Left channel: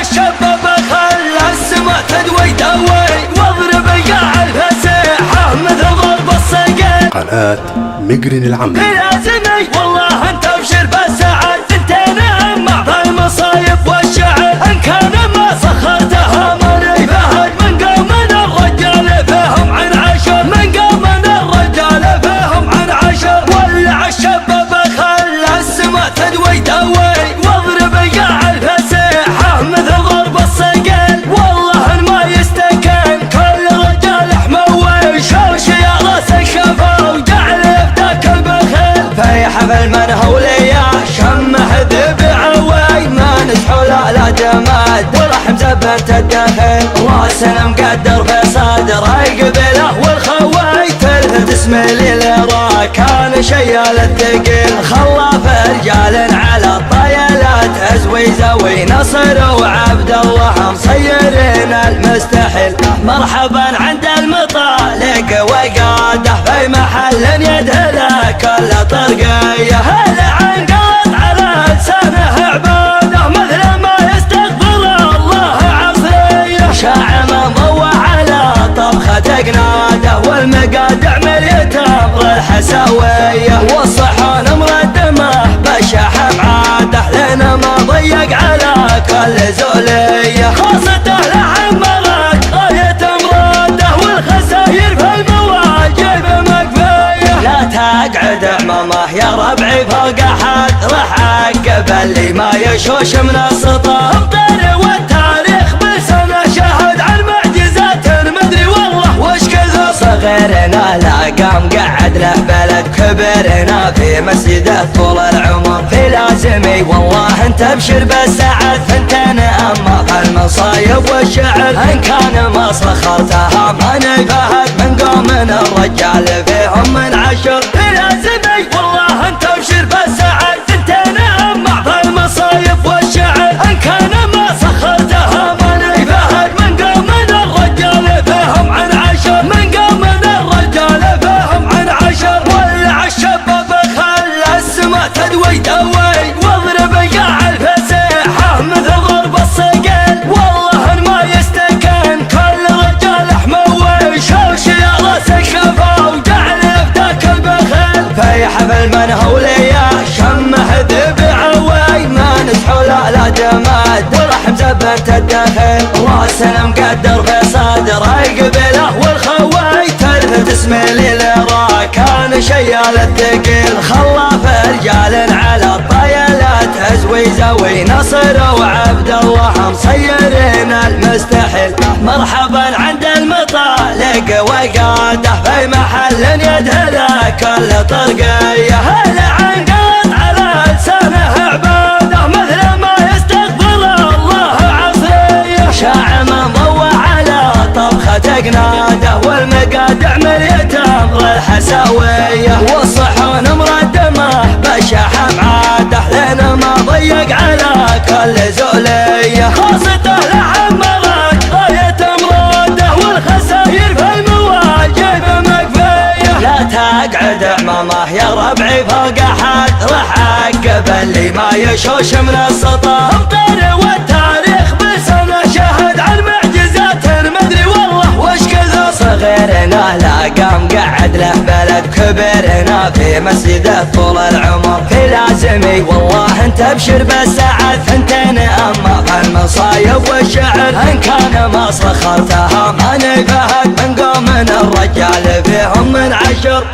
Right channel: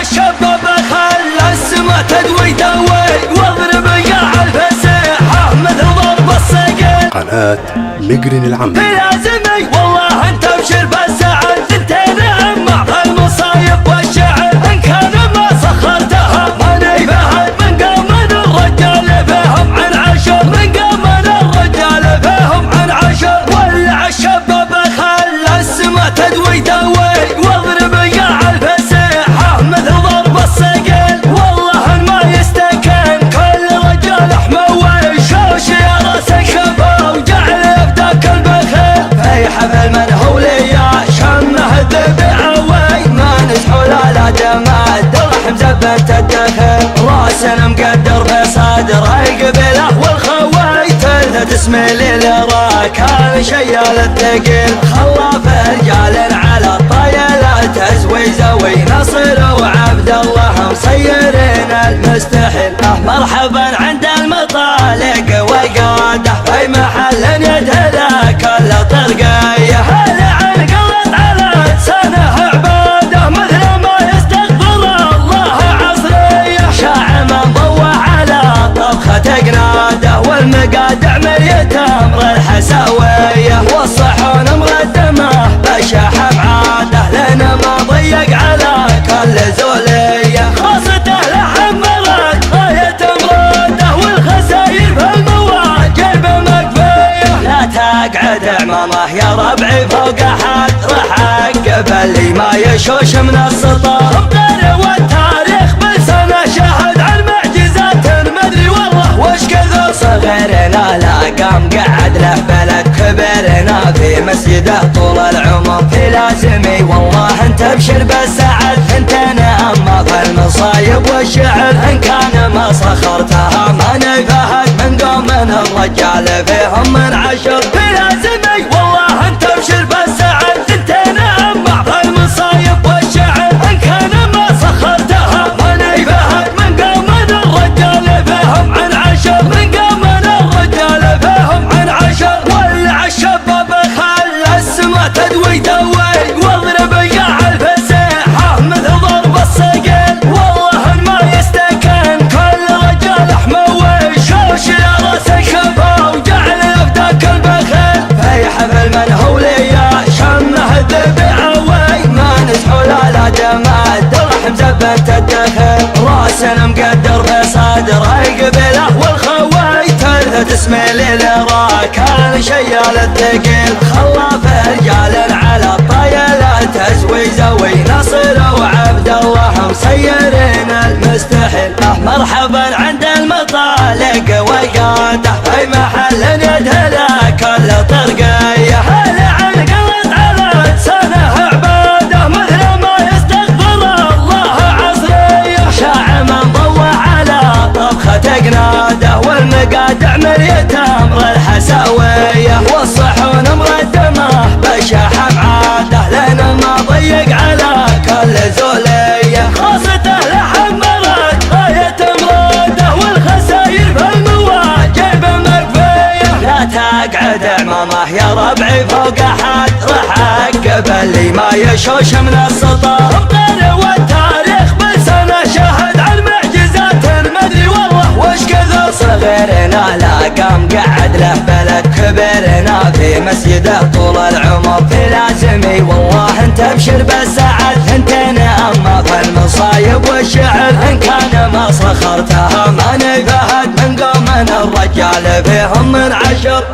الشباب خلى السما تدوي واضرب القاع الفسيحة مثل ضرب الصقل. قناة مقرن العمل لازمي والله انت ابشر بالسعد، انت نعم المصايب والشعر، ان كان ما سخرتها ماني فهد. من قام من الرجال فيهم عن عشر، من قام من الرجال فيهم عن عشر. ولع الشباب خلى السما تدوي واضرب القاع الفسيحة مثل ضرب الصقل. والله ما يستكن كل رجال حموي، شوش يا راس الشفا وجعل يفتك البخيل. في حفل من هوليا شمه ذب عوي، ما نسحو لا جماد الرحم زبنت الدخل. راس مقدر في صدر قبله والخوي، تلفت اسمي للرا كان شيال الثقيل. خلاف رجال على الطيلات ازوي زوي، نصر وعبد الله مسيرين المستحيل. مرحبا عند المطالق وقاده في محل يدهله كل طرقيه. هلا عن قلط على لسانه عباده مثل ما يستغفر الله عصريه. شاع من ضوى على طبخة قناده، والمقادع مريت امر الحساويه. والصحون مردمه بشاح بعاده، لنا ما ضيق على كل زوليه. خاصته لعمرت غاية مراده، والخساير في المواجب مكفيه. لا تقعد عمامه يا ربعي فوق احد، راح اعقب اللي ما يشوش من السطر. امطر والتاريخ بلسانه شهد عن معجزات مدري والله وش كثر. صغيرنا لا قام قعد له بلد، كبرنا في مسجده طول العمر. في لازمي والله انت ابشر بالسعد، ثنتين اما في المصايب والشعر. ان كان ما سخرتها ماني فهد، من قوم من الرجال فيهم من عشر. في لازمي والله انت ابشر بالسعد، ثنتين اما في المصايب والشعر. ان كان ما سخرتها ماني فهد، من قوم من الرجال فيهم عن عشر. من قوم من الرجال فيهم عن عشر. ولع الشباب خلى السما تدوي واضرب القاع الفسيحة مثل ضرب الصقل. والله ما يستكن كل رجال حموي، شوش يا راس الشفا وجعل يفتك البخيل. في حفل من هوليا شمه ذب عوي، ما نسحو لا جماد الرحم زبنت الدخل. راس مقدر في صدر قبله والخوي، تلفت اسمي للرا كان شيال الثقيل. خلاف رجال على الطيلات ازوي زوي، نصر وعبد الله مسيرين المستحيل. مرحبا عند المطالق وقاده في محل يدهله كل طرقيه. هلا عن قلط على لسانه عباده مثل ما يستغفر الله عصريه. شاع من ضوى على طبخة قناده، والمقادع مريت امر الحساويه. والصحون مردمه بشاح بعاده، لنا ما ضيق على كل زوليه. خاصته لعمرت غاية مراده، والخساير في المواجب مكفيه. لا تقعد عمامه يا ربعي فوق احد، راح اعقب اللي ما يشوش من السطر. امطر والتاريخ بلسانه شهد عن معجزات مدري والله وش كثر. صغيرنا لا قام قعد له بلد، كبرنا في مسجده طول العمر. في لازمي والله انت ابشر بالسعد، ثنتين اما في المصايب والشعر. ان كان ما سخرتها ماني فهد، من قوم من الرجال فيهم من عشر.